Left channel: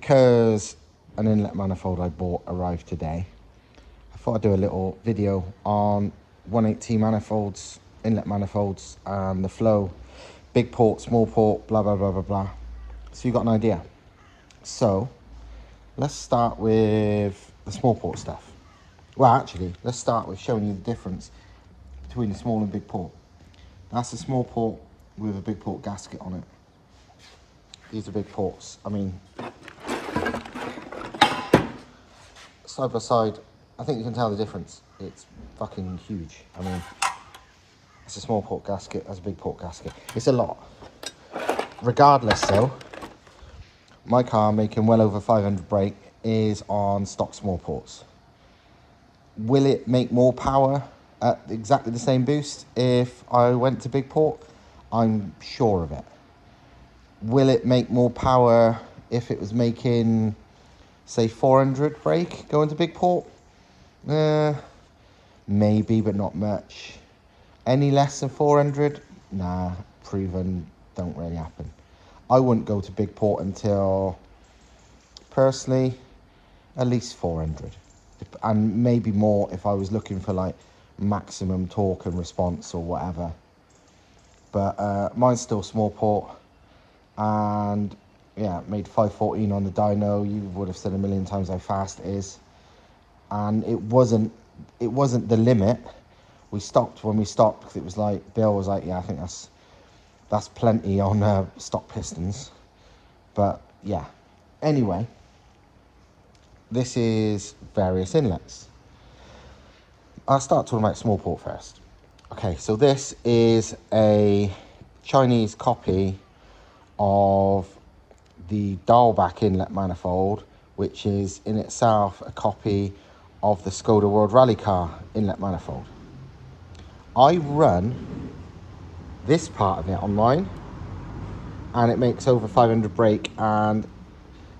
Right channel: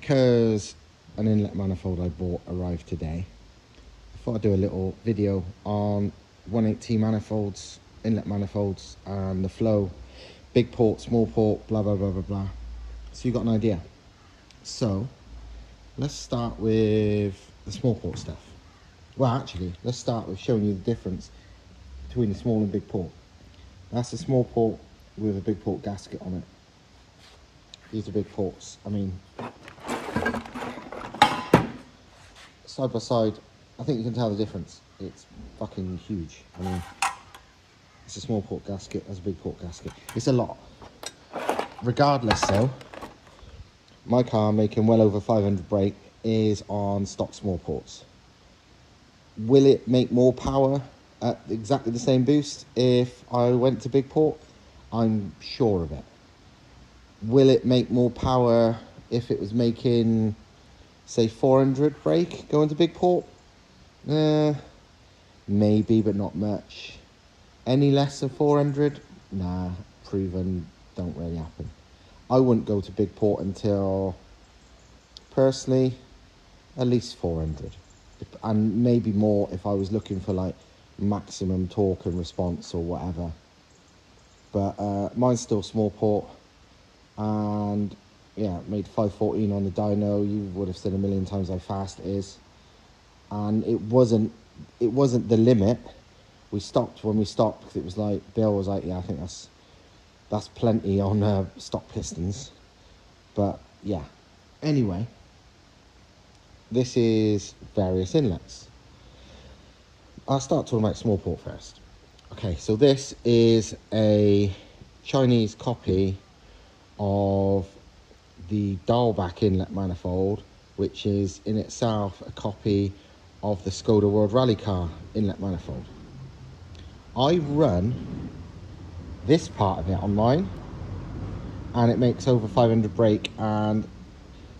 because an inlet manifold I bought arrived today, I thought I'd do a little video on 180 manifolds, inlet manifolds, and the flow, big port, small port, blah, blah, blah, blah, blah. So you got an idea. So let's start with the small port stuff. Well, actually, let's start with showing you the difference between the small and big port. That's a small port with a big port gasket on it. These are big ports. I mean, side by side, I think you can tell the difference. It's fucking huge. I mean, it's a small port gasket, that's a big port gasket. It's a lot. Regardless though, my car, making well over 500 brake, is on stock small ports. Will it make more power at exactly the same boost if I went to big port? I'm sure of it. Will it make more power if it was making, say, 400 brake going to big port? Maybe, but not much. Any less than 400? Nah, proven, don't really happen. I wouldn't go to big port until, personally, at least 400. And maybe more if I was looking for like maximum torque and response or whatever. But mine's still small port, and yeah, made 514 on the dyno. You would have said a million times how fast it is, and it wasn't the limit. We stopped when we stopped because it was like, Bill was like, yeah, I think that's plenty on stock pistons. But yeah, anyway, this is various inlets. I'll start talking about small port first. Okay, so this is a Chinese copy of the dial-back inlet manifold, which is in itself a copy of the Skoda World Rally Car inlet manifold. I run this part of it online, and it makes over 500 brake, and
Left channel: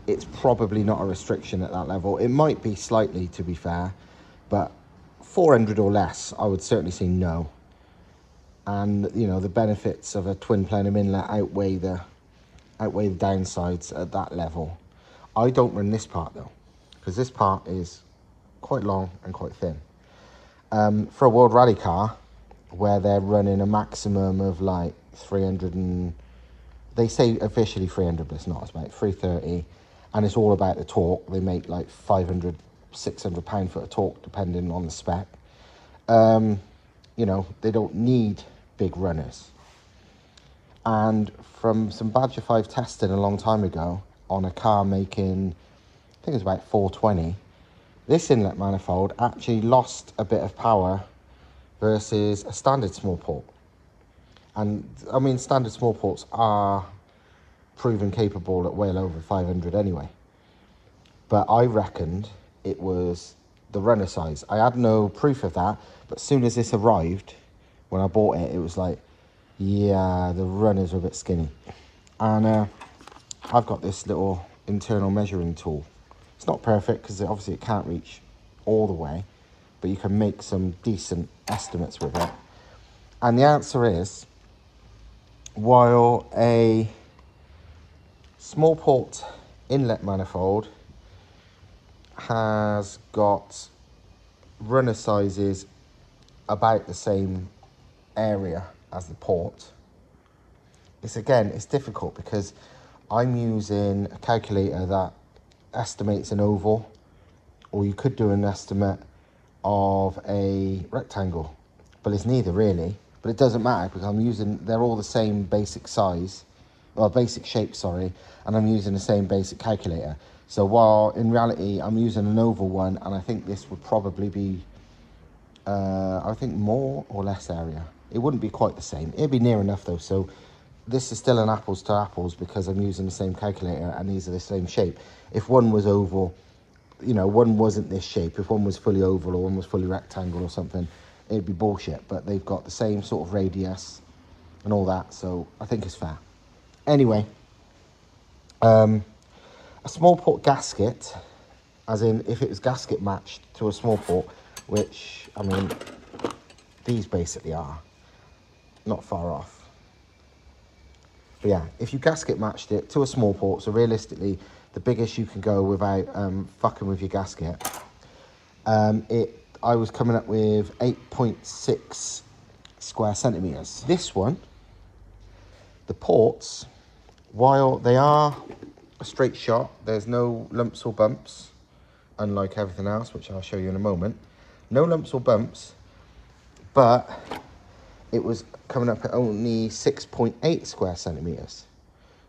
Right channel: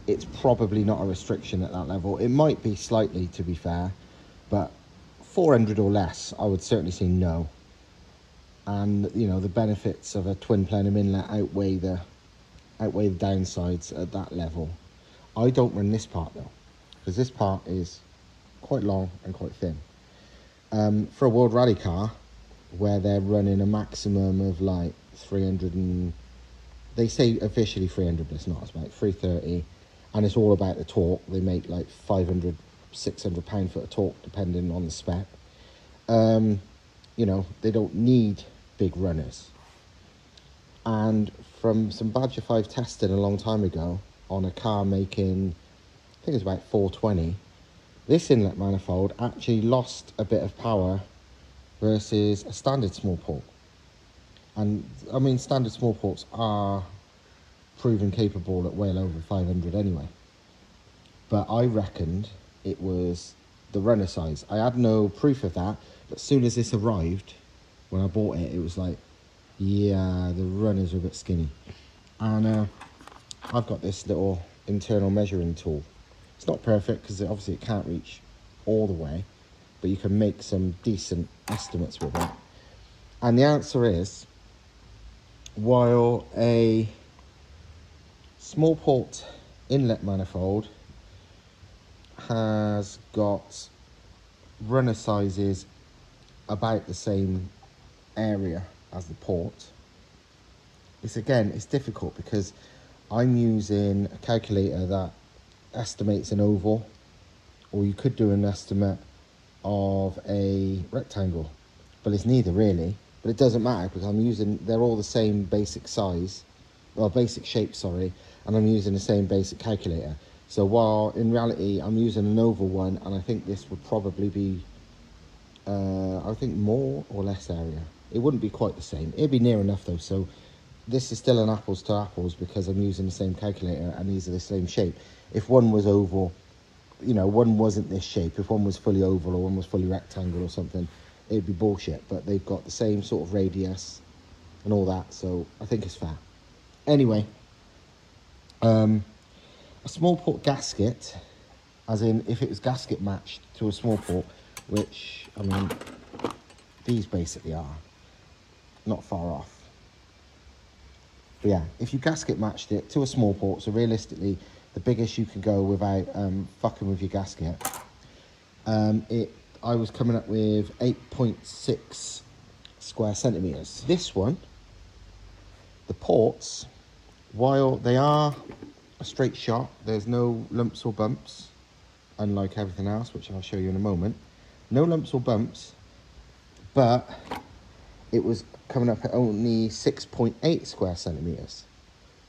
it's probably not a restriction at that level. It might be slightly, to be fair, but 400 or less, I would certainly say no. And you know, the benefits of a twin plenum inlet outweigh the downsides at that level. I don't run this part though, because this part is quite long and quite thin. For a World Rally car, where they're running a maximum of like 300 and, they say officially 300, but it's not, it's about 330, and it's all about the torque. They make like 500, 600 pound-foot of torque depending on the spec. You know, they don't need big runners. And from some Badger 5 testing a long time ago on a car making, I think it was about 420, this inlet manifold actually lost a bit of power versus a standard small port. And I mean, standard small ports are proven capable at well over 500 anyway. But I reckoned it was the runner size. I had no proof of that, but as soon as this arrived, when I bought it, it was like, yeah, the runners are a bit skinny. And I've got this little internal measuring tool. It's not perfect because obviously it can't reach all the way, but you can make some decent estimates with it. And the answer is, while a small port inlet manifold has got runner sizes about the same area as the port, it's difficult because I'm using a calculator that estimates an oval, or you could do an estimate of a rectangle, but it's neither really. But it doesn't matter because they're all the same basic size, or basic shape, sorry, and I'm using the same basic calculator. So while in reality I'm using an oval one, and I think this would probably be, I think more or less area. It wouldn't be quite the same. It'd be near enough though. So this is still an apples to apples because I'm using the same calculator and these are the same shape. If one was oval, you know, one wasn't this shape. If one was fully oval or one was fully rectangle or something, it'd be bullshit. But they've got the same sort of radius and all that, so I think it's fair. Anyway, a small port gasket, as in if it was gasket matched to a small port, which, I mean, these basically are, not far off. But yeah, if you gasket matched it to a small port, so realistically the biggest you can go without fucking with your gasket. I was coming up with 8.6 square centimeters. This one, the ports, while they are a straight shot, there's no lumps or bumps, unlike everything else, which I'll show you in a moment. No lumps or bumps, but it was coming up at only 6.8 square centimeters.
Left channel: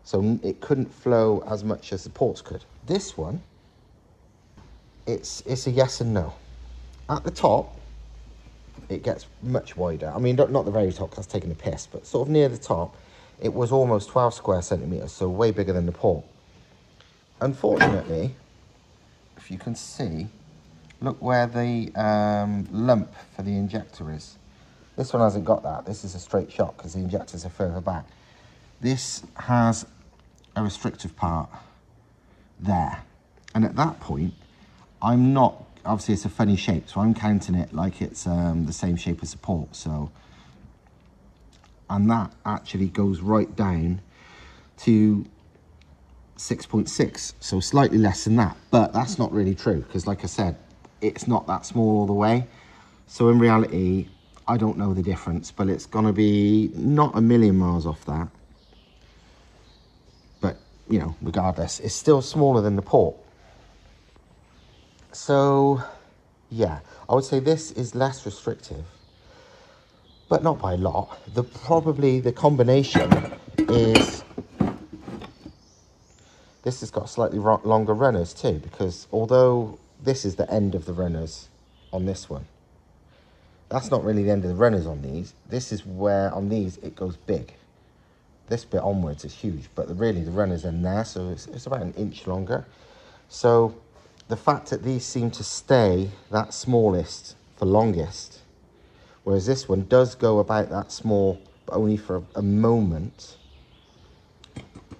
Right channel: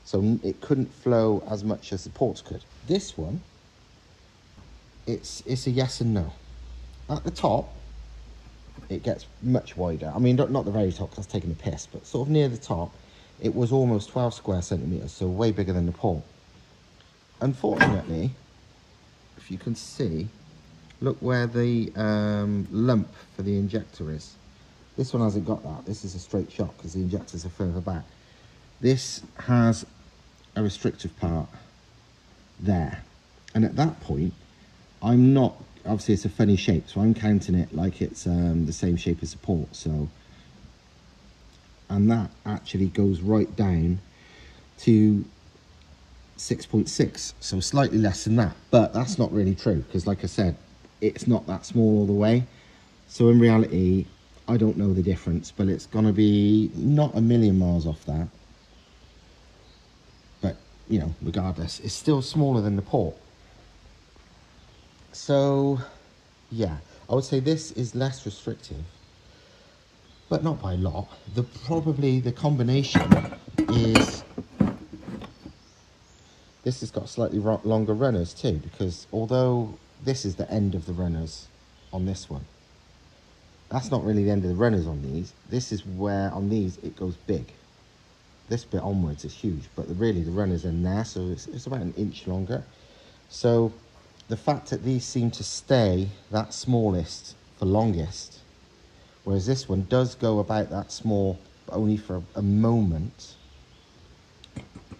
So it couldn't flow as much as the ports could. This one, it's a yes and no. At the top, it gets much wider. I mean, not the very top, that's taking a piss, but sort of near the top, it was almost 12 square centimeters, so way bigger than the port. Unfortunately, if you can see, look where the lump for the injector is. This one hasn't got that. This is a straight shot because the injectors are further back. This has a restrictive part there. And at that point, I'm not, obviously it's a funny shape, so I'm counting it like it's the same shape as the port. So, and that actually goes right down to 6.6, so slightly less than that. But that's not really true because, like I said, it's not that small all the way. So in reality, I don't know the difference, but it's going to be not a million miles off that. But, you know, regardless, it's still smaller than the port. So, yeah, I would say this is less restrictive, but not by a lot. Probably the combination is, this has got slightly longer runners too, because although this is the end of the runners on this one, that's not really the end of the runners on these. This is where, on these, it goes big. This bit onwards is huge, but really the runners are in there, so it's about an inch longer. So the fact that these seem to stay that smallest for longest, whereas this one does go about that small, but only for a moment,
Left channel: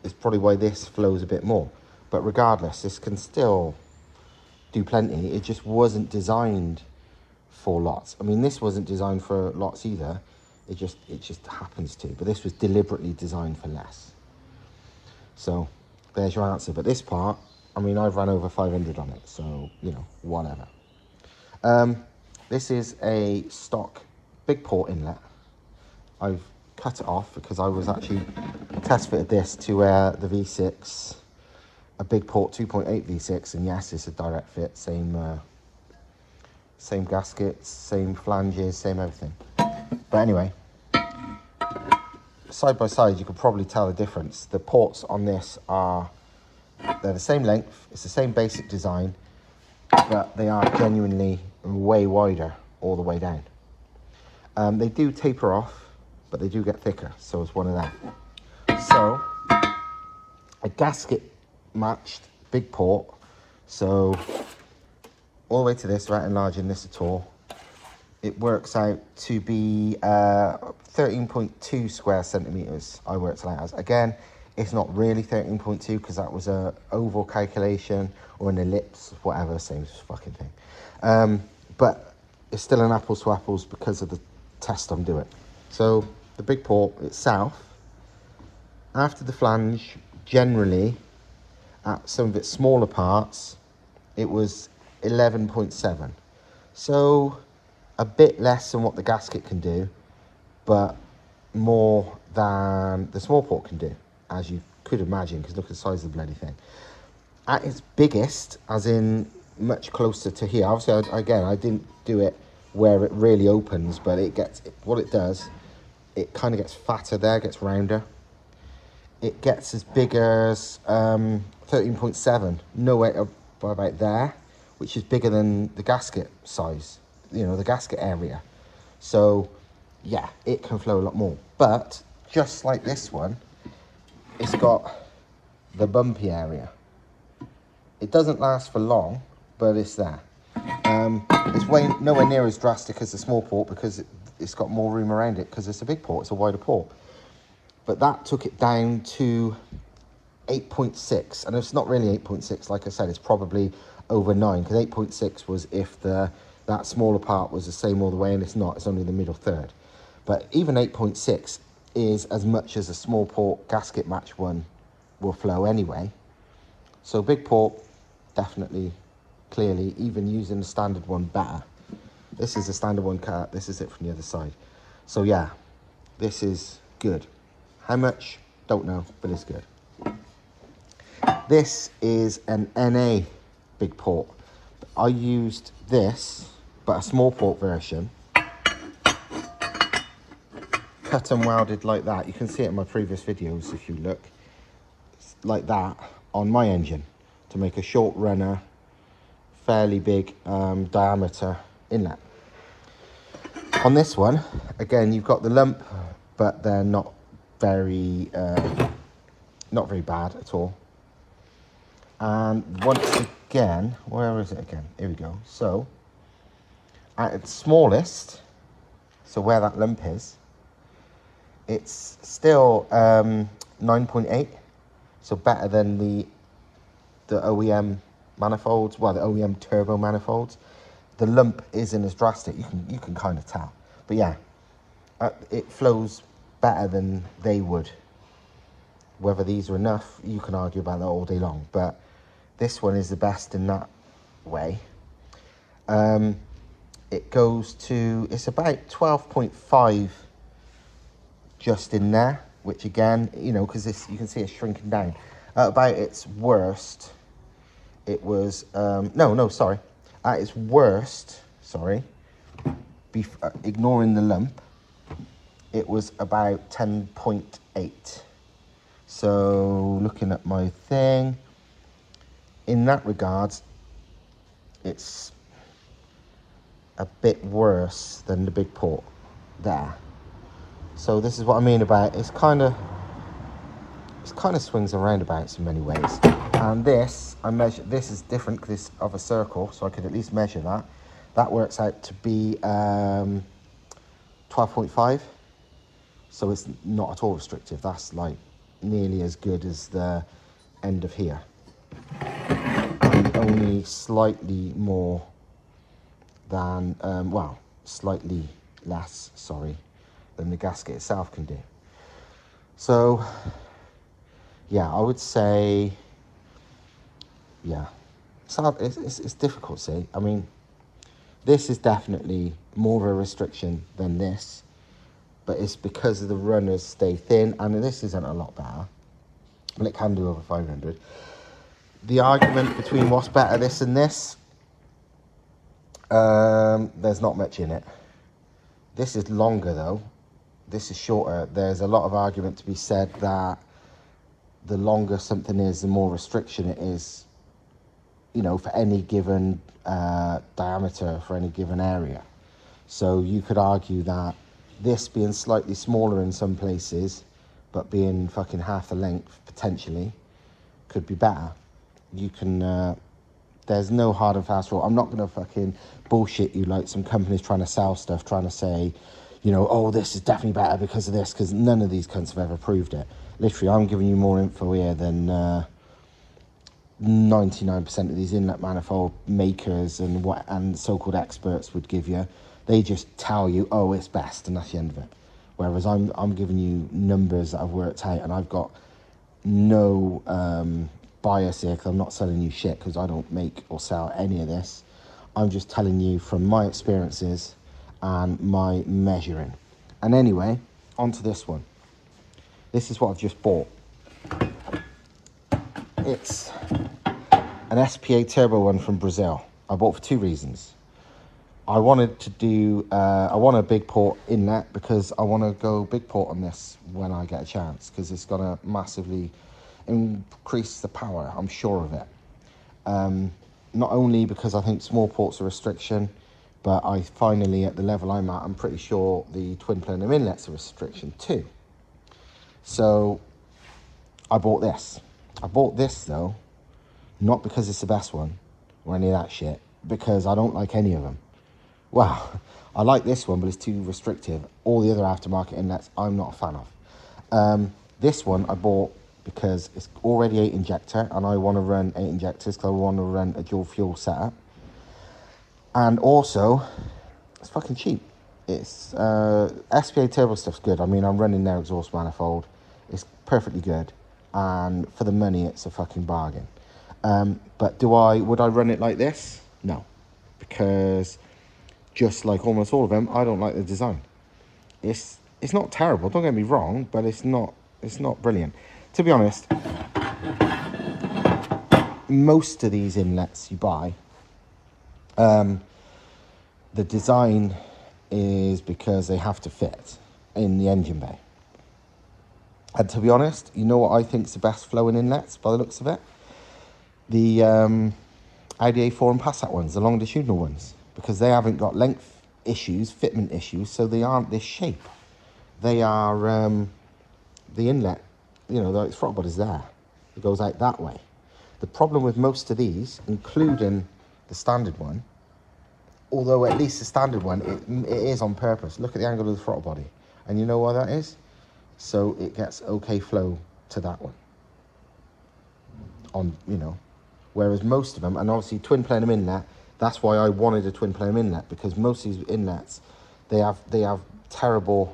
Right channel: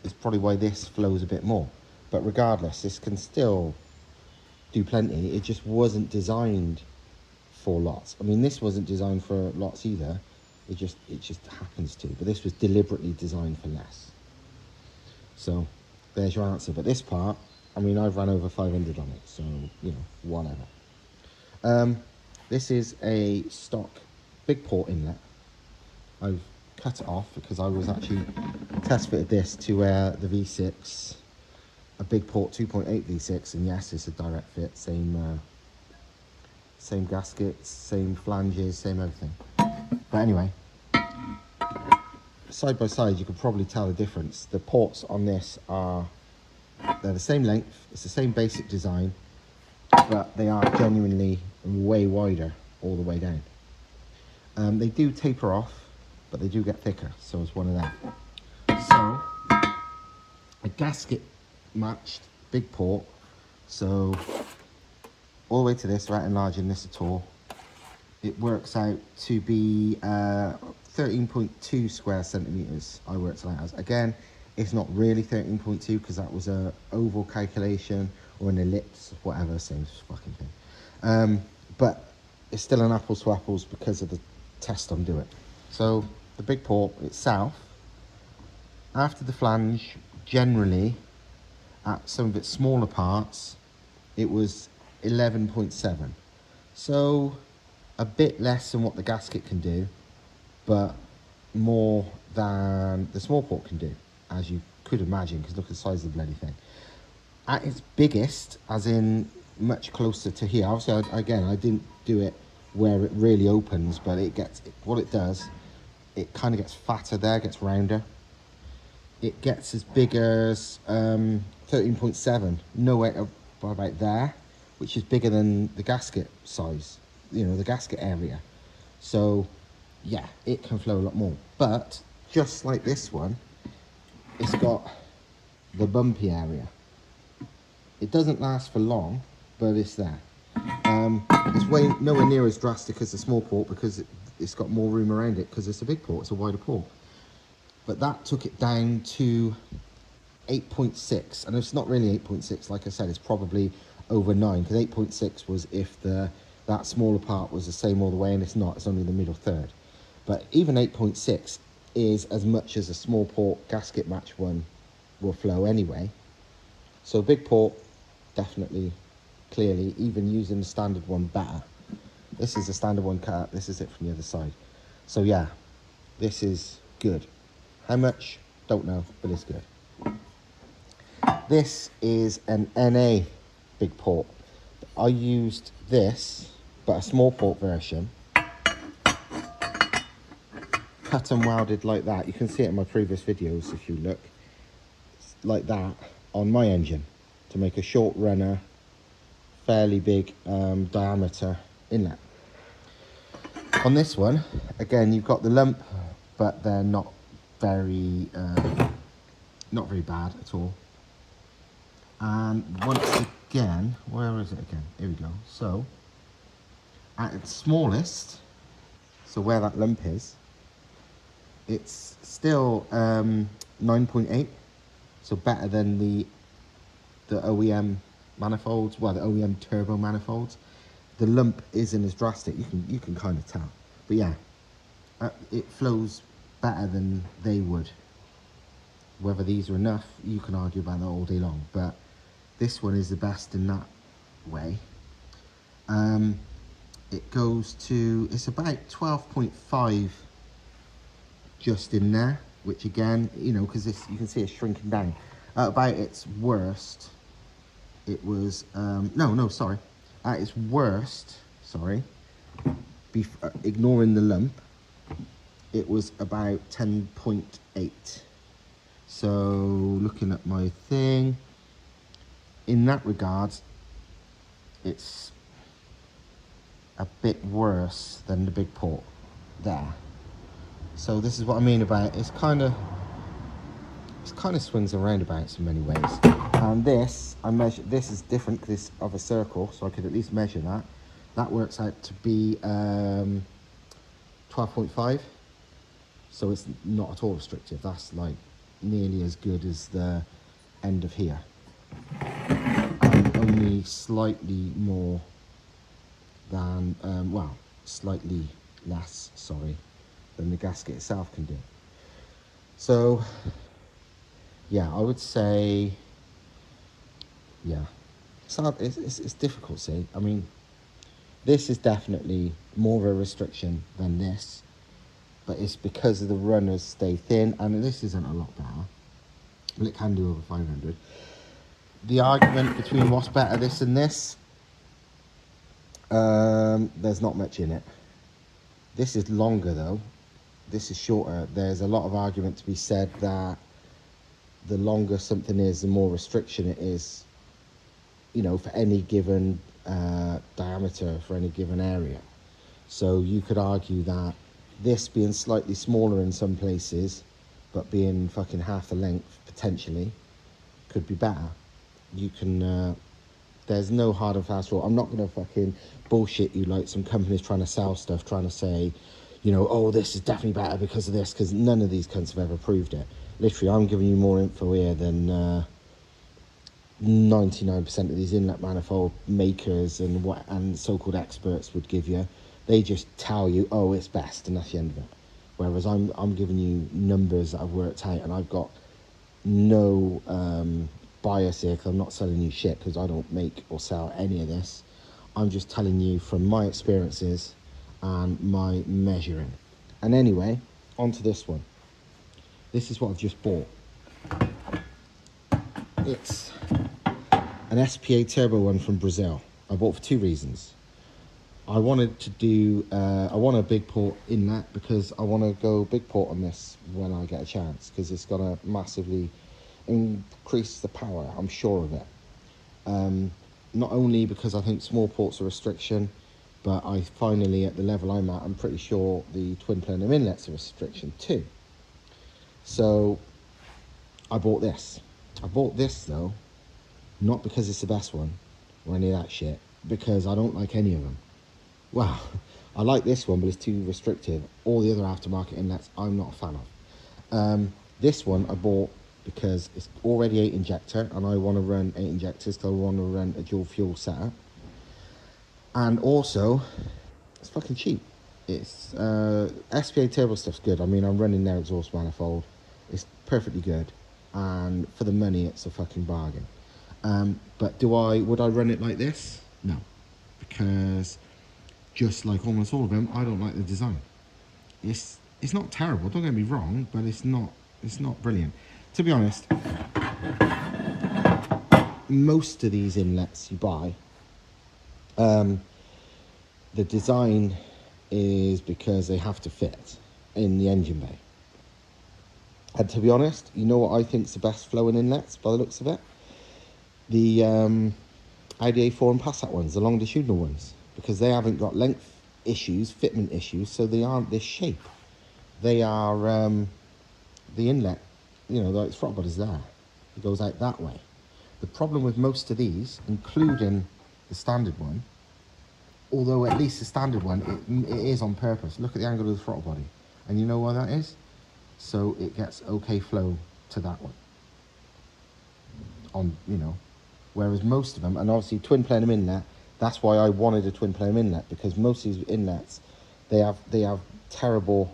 is probably why this flows a bit more. But regardless, this can still do plenty. It just wasn't designed for lots. I mean, this wasn't designed for lots either. It just happens to. But this was deliberately designed for less. So there's your answer. But this part, I mean, I've run over 500 on it, so you know, whatever. This is a stock big port inlet. I've cut it off because I was actually test fitted this to the V6, a big port 2.8 V6, and yes, it's a direct fit, same gaskets, same flanges, same everything. But anyway, side by side, you can probably tell the difference. The ports on this they're the same length, it's the same basic design, but they are genuinely way wider all the way down. They do taper off, but they do get thicker, so it's one of them. So, a gasket matched big port, so all the way to this, without enlarging this at all, it works out to be 13.2 square centimeters. I worked it out as. Again, it's not really 13.2 because that was a oval calculation or an ellipse, whatever, same fucking thing. But it's still an apples to apples because of the test I'm doing. So the big port itself, after the flange, generally at some of its smaller parts, it was 11.7. So a bit less than what the gasket can do, but more than the small port can do, as you could imagine, because look at the size of the bloody thing. At its biggest, as in much closer to here, obviously, again, I didn't do it where it really opens, but it gets, what it does, it kind of gets fatter there, gets rounder. It gets as big as 13.7, no way up by about there, which is bigger than the gasket size, you know, the gasket area. So yeah, it can flow a lot more. But just like this one, it's got the bumpy area. It doesn't last for long, but it's there. It's nowhere near as drastic as the small port because it's got more room around it because it's a big port, it's a wider port. But that took it down to 8.6, and it's not really 8.6, like I said, it's probably over 9, because 8.6 was if that smaller part was the same all the way, and it's not, it's only the middle third. But even 8.6 is as much as a small port gasket match one will flow anyway. So big port, definitely, clearly, even using the standard one better. This is a standard one cut, this is it from the other side. So yeah, this is good. How much? Don't know, but it's good. This is an NA big port. I used this, but a small port version. Cut and welded like that. You can see it in my previous videos if you look. Like that on my engine to make a short runner, fairly big diameter inlet. On this one, again, you've got the lump, but they're not very bad at all. And once again, where is it again? Here we go. So at its smallest, so where that lump is, it's still 9.8, so better than the OEM manifolds, well, the OEM turbo manifolds. The lump isn't as drastic, you can kind of tell. But yeah, it flows better than they would. Whether these are enough, you can argue about that all day long, but this one is the best in that way. It goes to, it's about 12.5 just in there, which again, you know, because this, you can see it's shrinking down. About its worst, it was, sorry. At its worst, sorry, ignoring the lump, it was about 10.8. So looking at my thing, in that regard, it's a bit worse than the big port there. So this is what I mean about it's kind of swings and roundabouts in many ways. And this, I measured, this is different because it's of a circle, so I could at least measure that. That works out to be 12.5. So it's not at all restrictive. That's like nearly as good as the end of here. And only slightly more than, well, slightly less, sorry, than the gasket itself can do. So, yeah, I would say, yeah, it's difficult to say. I mean, this is definitely more of a restriction than this, but it's because of the runners stay thin. I mean, this isn't a lot better, and it can do over 500. The argument between what's better, this and this, there's not much in it. This is longer though. This is shorter. There's a lot of argument to be said that the longer something is, the more restriction it is, you know, for any given diameter, for any given area. So you could argue that this being slightly smaller in some places, but being fucking half the length potentially, could be better. You can, there's no hard and fast rule. I'm not gonna fucking bullshit you like some companies trying to sell stuff, trying to say, you know, oh, this is definitely better because of this, because none of these cunts have ever proved it. Literally, I'm giving you more info here than 99% of these inlet manifold makers and so-called experts would give you. They just tell you, oh, it's best, and that's the end of it. Whereas I'm giving you numbers that I've worked out, and I've got no bias here, because I'm not selling you shit, because I don't make or sell any of this. I'm just telling you from my experiences and my measuring. And anyway, onto this one. This is what I've just bought. It's an SPA turbo one from Brazil. I bought for two reasons. I wanted to do, I want a big port inlet because I want to go big port on this when I get a chance, because it's going to massively increase the power, I'm sure of it. Not only because I think small ports are a restriction, but I finally, at the level I'm at, I'm pretty sure the twin plenum inlet's a restriction too. So I bought this. I bought this though, not because it's the best one or any of that shit, because I don't like any of them. Well, I like this one, but it's too restrictive. All the other aftermarket inlets, I'm not a fan of. This one I bought because it's already 8 injector, and I want to run 8 injectors because I want to run a dual fuel setup. And also, it's fucking cheap. It's SPA turbo stuff's good. I mean, I'm running their exhaust manifold. It's perfectly good, and for the money, it's a fucking bargain. But would I run it like this? No, because just like almost all of them, I don't like the design. It's not terrible, don't get me wrong, but it's not brilliant. To be honest, most of these inlets you buy, the design is because they have to fit in the engine bay. And to be honest, you know what I think is the best flowing inlets by the looks of it? The Audi A4 and Passat ones, the longitudinal ones, because they haven't got length issues, fitment issues, so they aren't this shape. They are the inlet, you know, the throttle body's there. It goes out that way. The problem with most of these, including the standard one, although at least the standard one, it is on purpose. Look at the angle of the throttle body. And you know why that is? So it gets okay flow to that one. On, you know, whereas most of them, and obviously twin plenum inlet, that's why I wanted a twin plenum inlet, because most of these inlets, they have terrible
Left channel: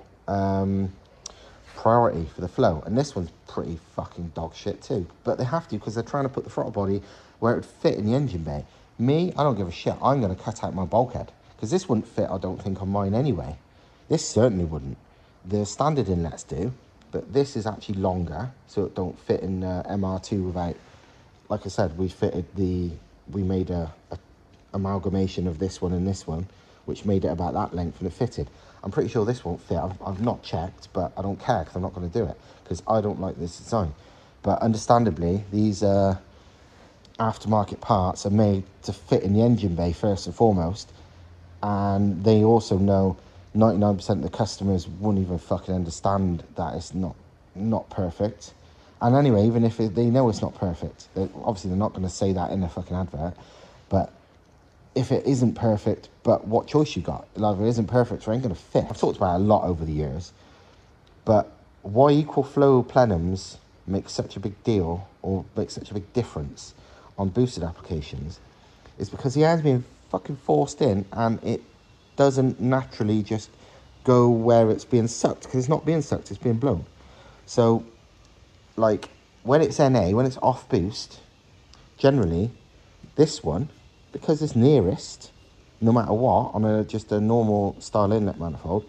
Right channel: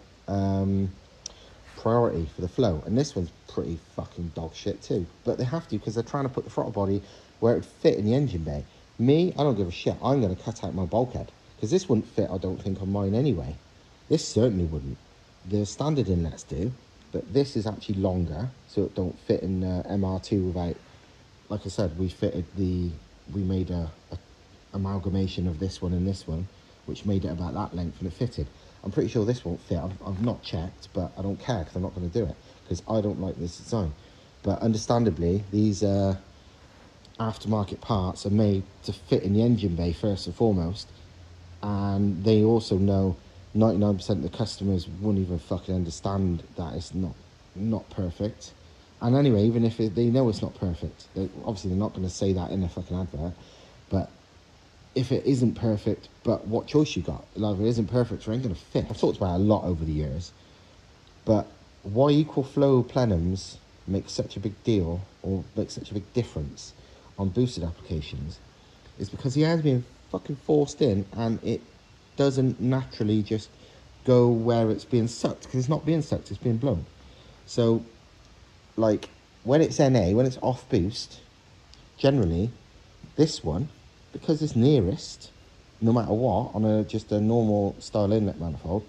priority for the flow. And this one's pretty fucking dog shit too. But they have to, because they're trying to put the throttle body where it would fit in the engine bay. Me, I don't give a shit. I'm going to cut out my bulkhead, because this wouldn't fit, I don't think, on mine anyway. This certainly wouldn't. The standard inlets do, but this is actually longer, so it don't fit in MR2 without, like I said, we made a amalgamation of this one and this one, which made it about that length, and it fitted. I'm pretty sure this won't fit. I've not checked, but I don't care, because I'm not going to do it, because I don't like this design. But understandably, these aftermarket parts are made to fit in the engine bay first and foremost, and they also know 99% of the customers won't even fucking understand that it's not perfect. And anyway, even if they know it's not perfect, obviously they're not going to say that in a fucking advert, but if it isn't perfect, but what choice you got? Like, if it isn't perfect, so it ain't going to fit. I've talked about it a lot over the years, but why equal flow plenums make such a big deal, or make such a big difference on boosted applications, is because he has been fucking forced in, and it doesn't naturally just go where it's being sucked, because it's not being sucked, it's being blown. So, like, when it's NA, when it's off boost, generally, this one, because it's nearest, no matter what, on just a normal style inlet manifold,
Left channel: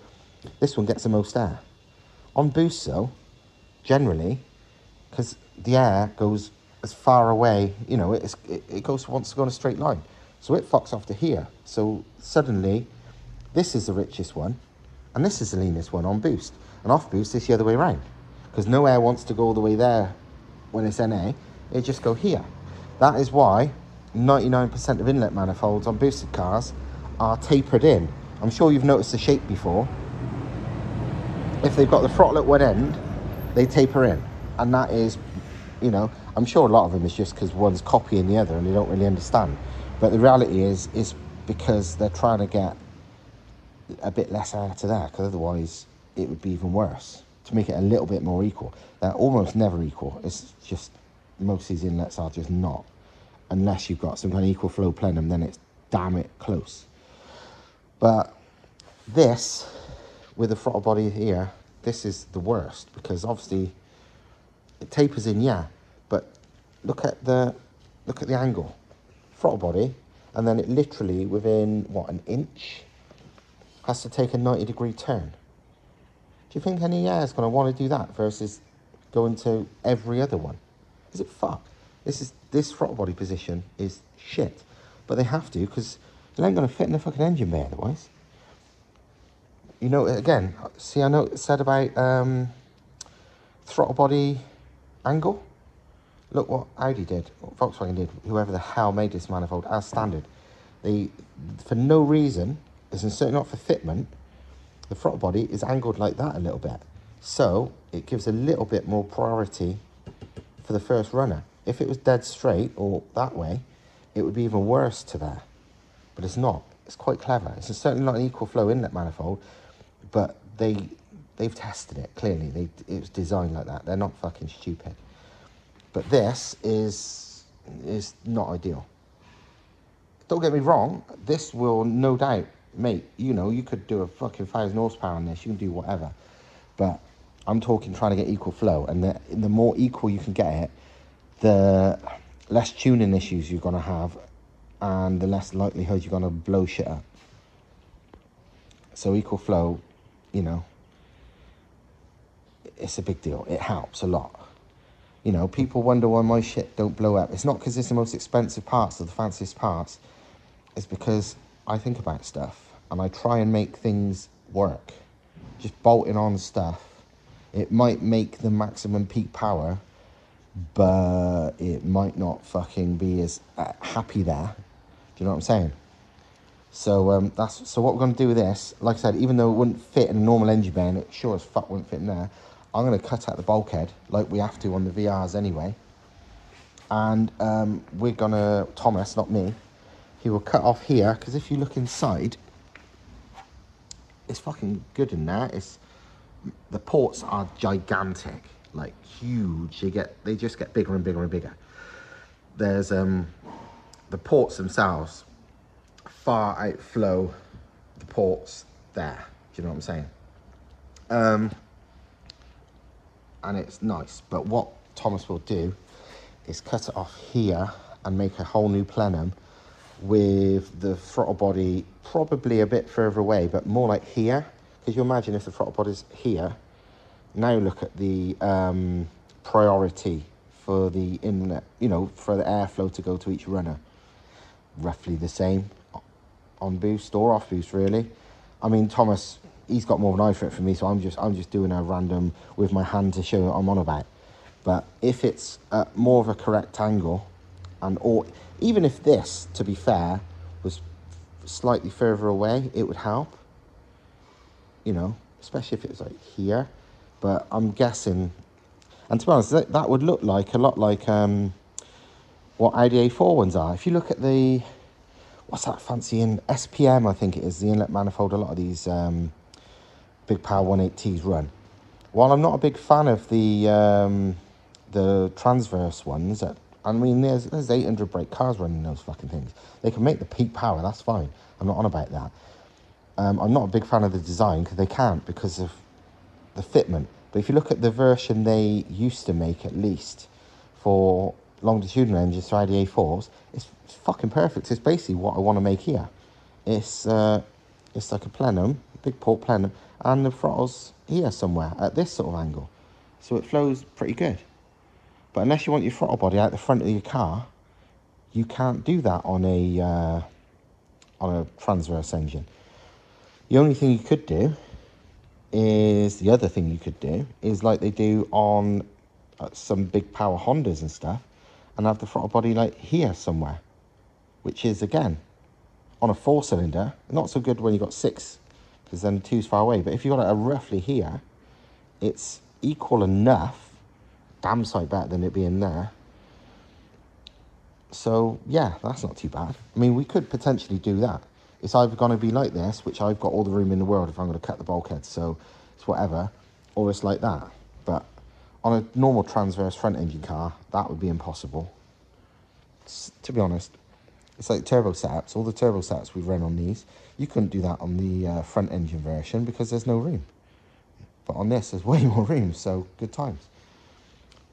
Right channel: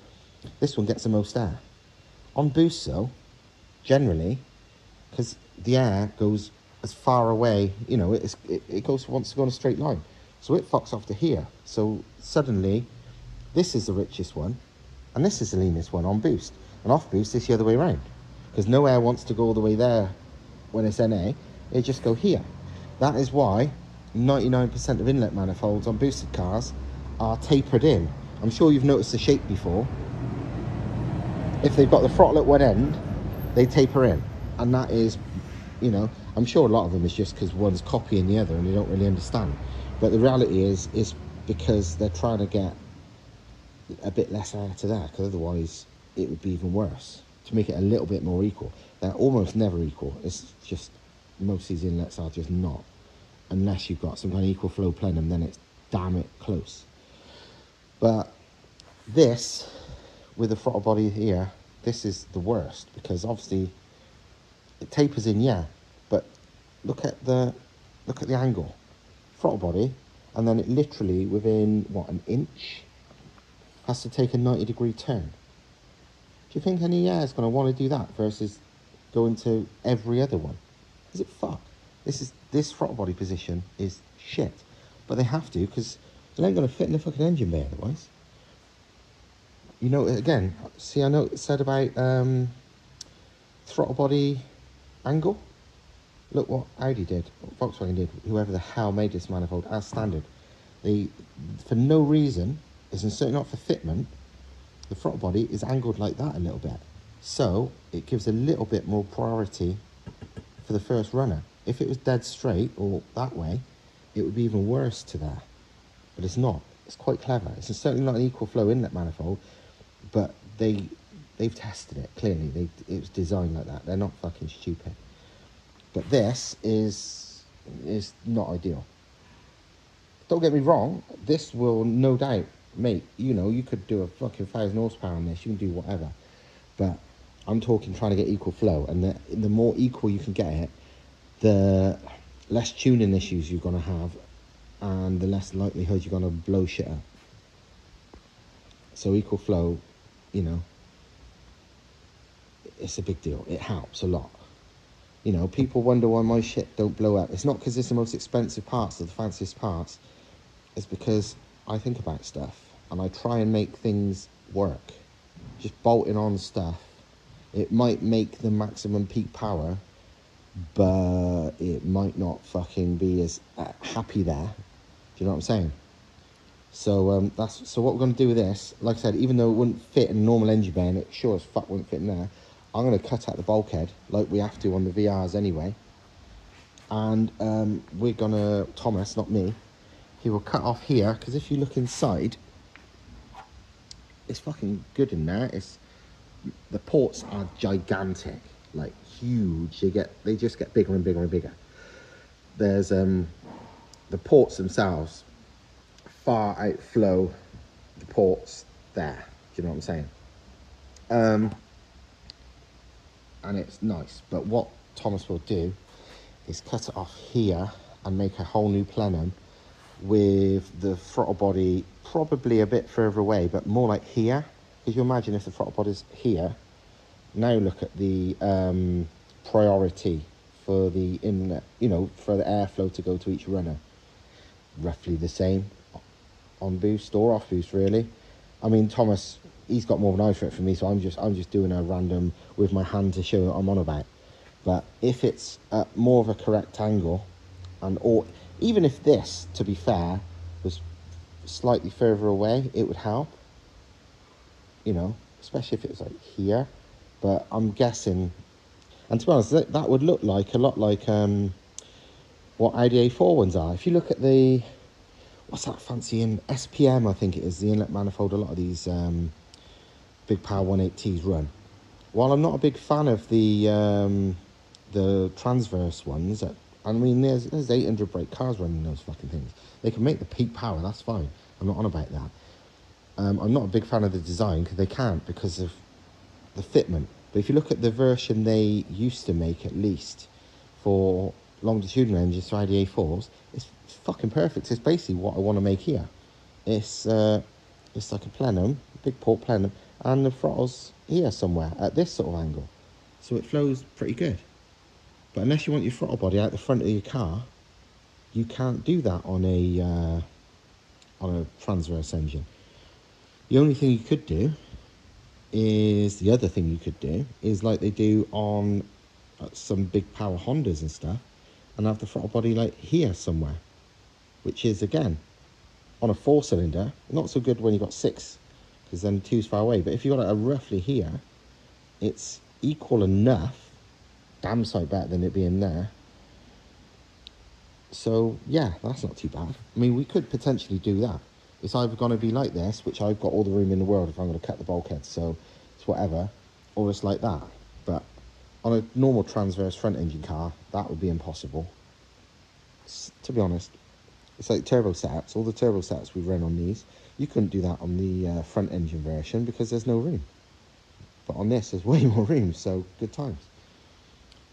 this one gets the most air. On boost though, generally, because the air goes as far away, you know, it wants to go in a straight line. So it fucks off to here. So suddenly, this is the richest one, and this is the leanest one on boost. And off boost, it's the other way around. Because no air wants to go all the way there when it's NA, it just go here. That is why 99% of inlet manifolds on boosted cars are tapered in. I'm sure you've noticed the shape before. If they've got the throttle at one end, they taper in. And that is, you know, I'm sure a lot of them is just because one's copying the other and they don't really understand. But the reality is because they're trying to get a bit less air to there, because otherwise it would be even worse. To make it a little bit more equal. They're almost never equal. It's just, most of these inlets are just not. Unless you've got some kind of equal flow plenum, then it's damn it close. But this, with the throttle body here, this is the worst, because obviously it tapers in, yeah, but look at the angle. Throttle body, and then it literally within what, an inch has to take a 90-degree turn. Do you think any air is going to want to do that versus going to every other one? Is it fuck? This throttle body position is shit, but they have to, because it ain't going to fit in the fucking engine bay otherwise. You know, again, see, I know it said about throttle body angle. Look what Audi did, what Volkswagen did, whoever the hell made this manifold as standard. They, for no reason, as in certainly not for fitment, the throttle body is angled like that a little bit. So it gives a little bit more priority for the first runner. If it was dead straight or that way, it would be even worse to there. But it's not. It's quite clever. It's certainly not an equal flow inlet manifold, but they've tested it, clearly. It was designed like that. They're not fucking stupid. But this is not ideal. Don't get me wrong, this will no doubt, mate, you know, you could do a fucking 1,000 horsepower on this, you can do whatever. But I'm talking trying to get equal flow, and the more equal you can get it, the less tuning issues you're going to have, and the less likelihood you're going to blow shit up. So equal flow, you know, it's a big deal. It helps a lot. You know, people wonder why my shit don't blow up. It's not because it's the most expensive parts or the fanciest parts. It's because I think about stuff and I try and make things work. Just bolting on stuff, it might make the maximum peak power, but it might not fucking be as happy there. Do you know what I'm saying? So so what we're going to do with this, like I said, even though it wouldn't fit in a normal engine bay, and it sure as fuck wouldn't fit in there, I'm going to cut out the bulkhead like we have to on the VRs anyway. And we're going to, Thomas, not me, he will cut off here, because if you look inside, it's fucking good in there. The ports are gigantic, like huge. They just get bigger and bigger and bigger. There's the ports themselves far outflow the ports there. Do you know what I'm saying? And it's nice, but what Thomas will do is cut it off here and make a whole new plenum with the throttle body probably a bit further away, but more like here. Because you imagine if the throttle body's here, now look at the priority for the inlet, you know, for the airflow to go to each runner. Roughly the same on boost or off boost, really. I mean, Thomas, he's got more of an eye for it for me, so I'm just doing a random with my hand to show what I'm on about. But if it's more of a correct angle, or even if this, to be fair, was slightly further away, it would help. You know, especially if it was like here. But I'm guessing, and to be honest, that would look like a lot like what Audi A4 ones are. If you look at the, what's that fancy in SPM, I think it is, the inlet manifold a lot of these big power 180s run. While I'm not a big fan of the transverse ones, I mean, there's 800 brake cars running those fucking things. They can make the peak power, that's fine. I'm not on about that. I'm not a big fan of the design because they can't, because of the fitment. But if you look at the version they used to make, at least for longitudinal engines, so Audi A4s, it's fucking perfect. It's basically what I want to make here. It's like a plenum, big port plenum, and the throttle's here somewhere at this sort of angle, so it flows pretty good. But unless you want your throttle body out the front of your car, you can't do that on a transverse engine. The only thing you could do is, the other thing you could do is like they do on some big power Hondas and stuff, and have the throttle body like here somewhere, which is again on a 4-cylinder not so good when you got 6, because then 2's far away. But if you got it roughly here, it's equal enough, damn sight better than it being there. So yeah, that's not too bad. I mean, we could potentially do that. It's either going to be like this, which I've got all the room in the world if I'm going to cut the bulkhead, so it's whatever, or it's like that. But on a normal transverse front engine car, that would be impossible. To be honest, it's like turbo setups. All the turbo setups we've run on these, you couldn't do that on the front engine version because there's no room. But on this, there's way more room, so good times.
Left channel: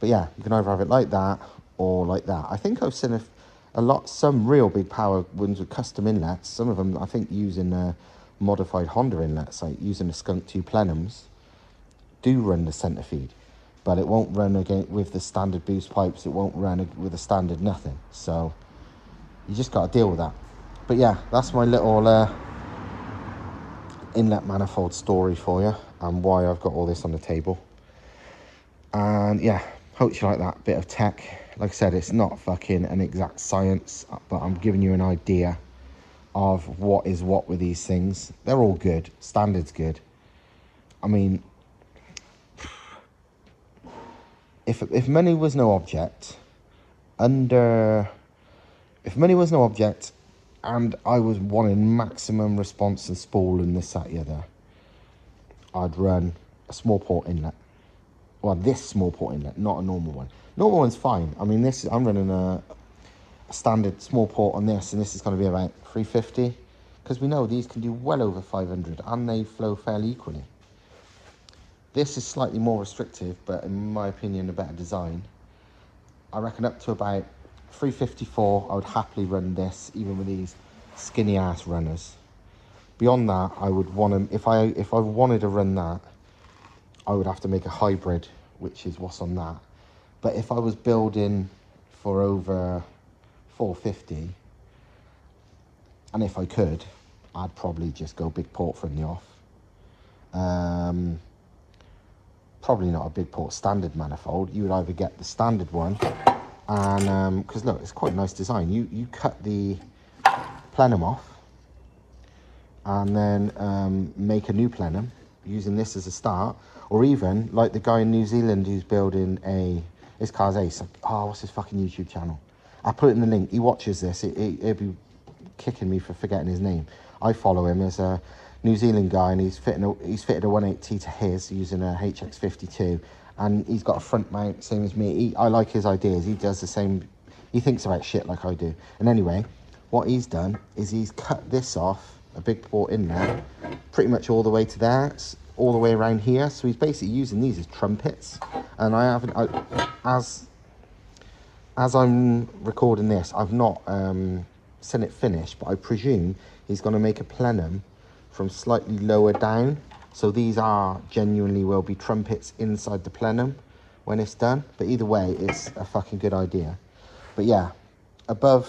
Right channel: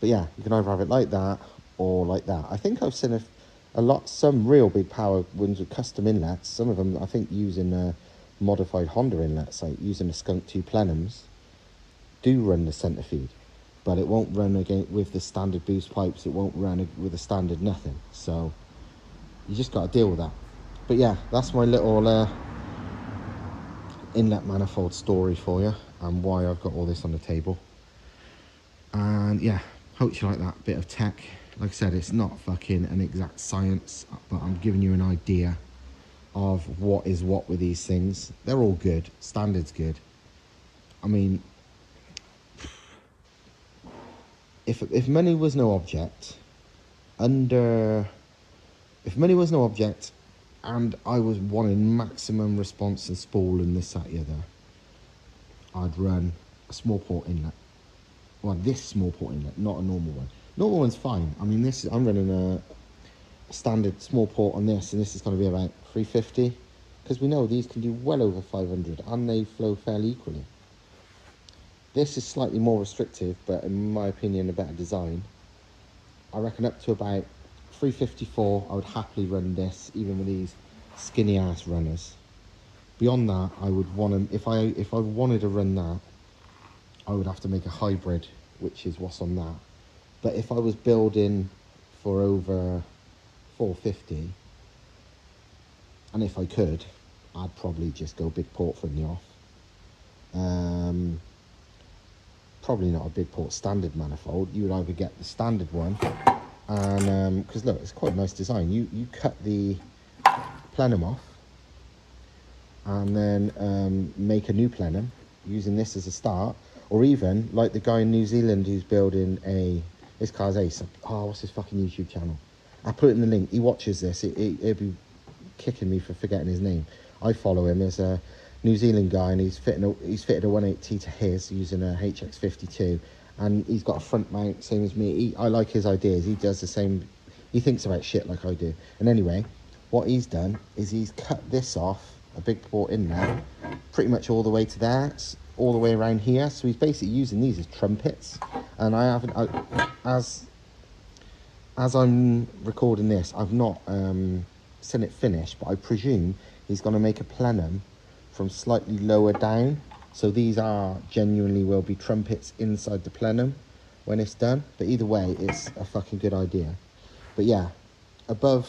But yeah, you can either have it like that or like that. I think I've seen some real big power ones with custom inlets. Some of them, I think, using modified Honda inlets, like using the Skunk 2 plenums, do run the centre feed. But it won't run again with the standard boost pipes. It won't run with the standard nothing. So you just got to deal with that. But yeah, that's my little inlet manifold story for you, and why I've got all this on the table. And yeah, hope you like that bit of tech. Like I said, it's not fucking an exact science, but I'm giving you an idea of what is what with these things. They're all good. Standard's good. I mean, if money was no object, if money was no object, and I was wanting maximum response and spool and this, that, the other, I'd run a small port inlet. Well, this small port inlet, not a normal one. Normal one's fine. I mean, I'm running a standard small port on this, and this is going to be about 350, because we know these can do well over 500, and they flow fairly equally. This is slightly more restrictive, but in my opinion, a better design. I reckon up to about 354, I would happily run this, even with these skinny ass runners. Beyond that, I would want to, if I wanted to run that, I would have to make a hybrid, which is what's on that. But if I was building for over 450, and if I could, I'd probably just go big port from the off. Probably not a big port standard manifold. You would either get the standard one, and because look, it's quite a nice design. You cut the plenum off, and then make a new plenum using this as a start, or even like the guy in New Zealand who's building this car's ace. Oh, what's his fucking YouTube channel? I'll put it in the link. He watches this. He'll be kicking me for forgetting his name. I follow him. There's a New Zealand guy, and he's fitted a 180 to his using a HX52, and he's got a front mount, same as me. I like his ideas. He does the same. He thinks about shit like I do. And anyway, what he's done is he's cut this off, a big port in there, pretty much all the way to there, it's all the way around here. So he's basically using these as trumpets. And I haven't, as I'm recording this, I've not seen it finished, but I presume he's going to make a plenum from slightly lower down. So these are genuinely will be trumpets inside the plenum when it's done. But either way, it's a fucking good idea. But yeah, above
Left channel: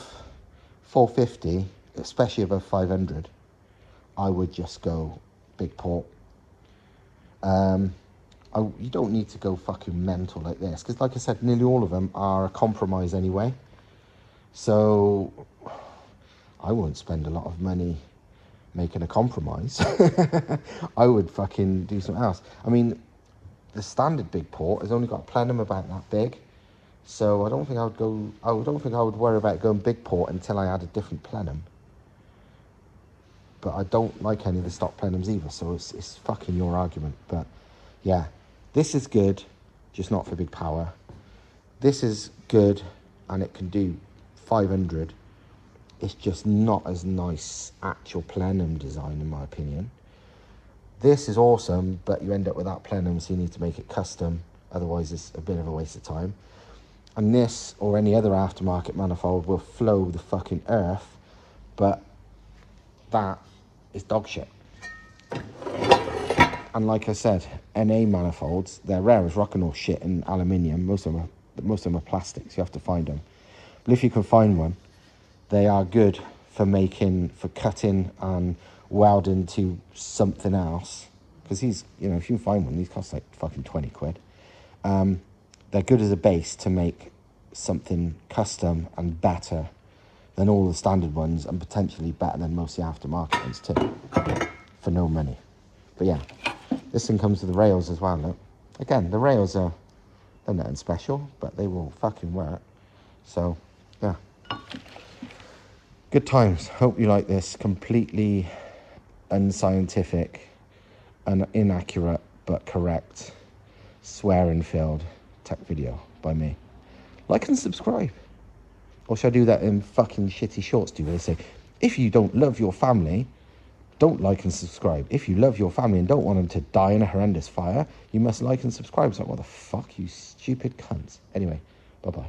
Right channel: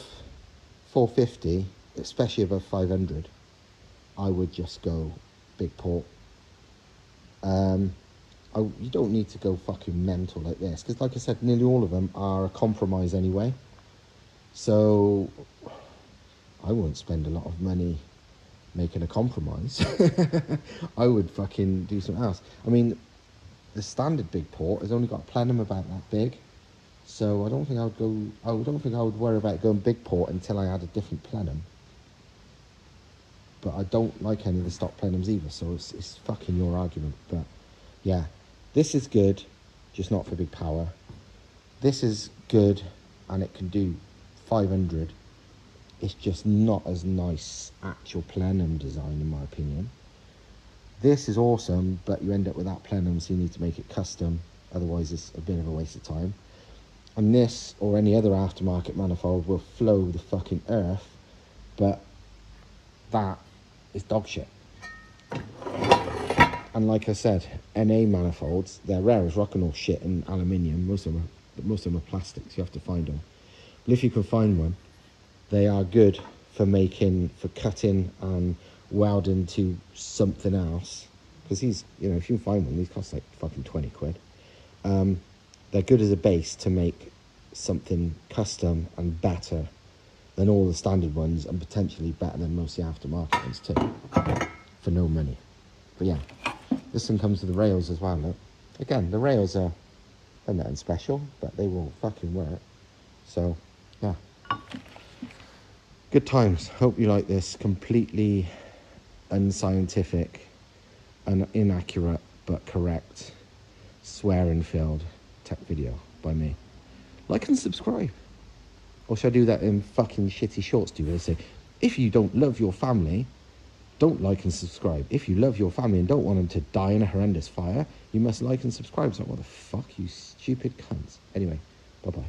450, especially above 500, I would just go big port. You don't need to go fucking mental like this, because like I said, nearly all of them are a compromise anyway. So I wouldn't spend a lot of money making a compromise. I would fucking do something else. I mean, the standard big port has only got a plenum about that big, so I don't think I would worry about going big port until I had a different plenum. But I don't like any of the stock plenums either, so it's fucking your argument. But yeah, this is good, just not for big power. This is good, and it can do 500. It's just not as nice actual plenum design, in my opinion. This is awesome, but you end up without plenum, so you need to make it custom. Otherwise, it's a bit of a waste of time. And this, or any other aftermarket manifold, will flow the fucking earth, but that is dog shit. And like I said, NA manifolds, they're rare as rock and roll shit and aluminium. Most of them are plastics. You have to find them. But if you can find one, they are good for cutting and welding to something else. Because these, you know, if you can find one, these cost like fucking 20 quid. They're good as a base to make something custom and better than all the standard ones, and potentially better than most of the aftermarket ones too, for no money. But yeah, this one comes with the rails as well. Look. Again, the rails are nothing special, but they will fucking work. So yeah, good times. Hope you like this completely unscientific and inaccurate but correct swearing filled tech video by me. Like and subscribe. Or should I do that in fucking shitty shorts? Do they say, if you don't love your family, don't like and subscribe. If you love your family and don't want them to die in a horrendous fire, you must like and subscribe. It's like, what the fuck, you stupid cunts. Anyway, bye-bye.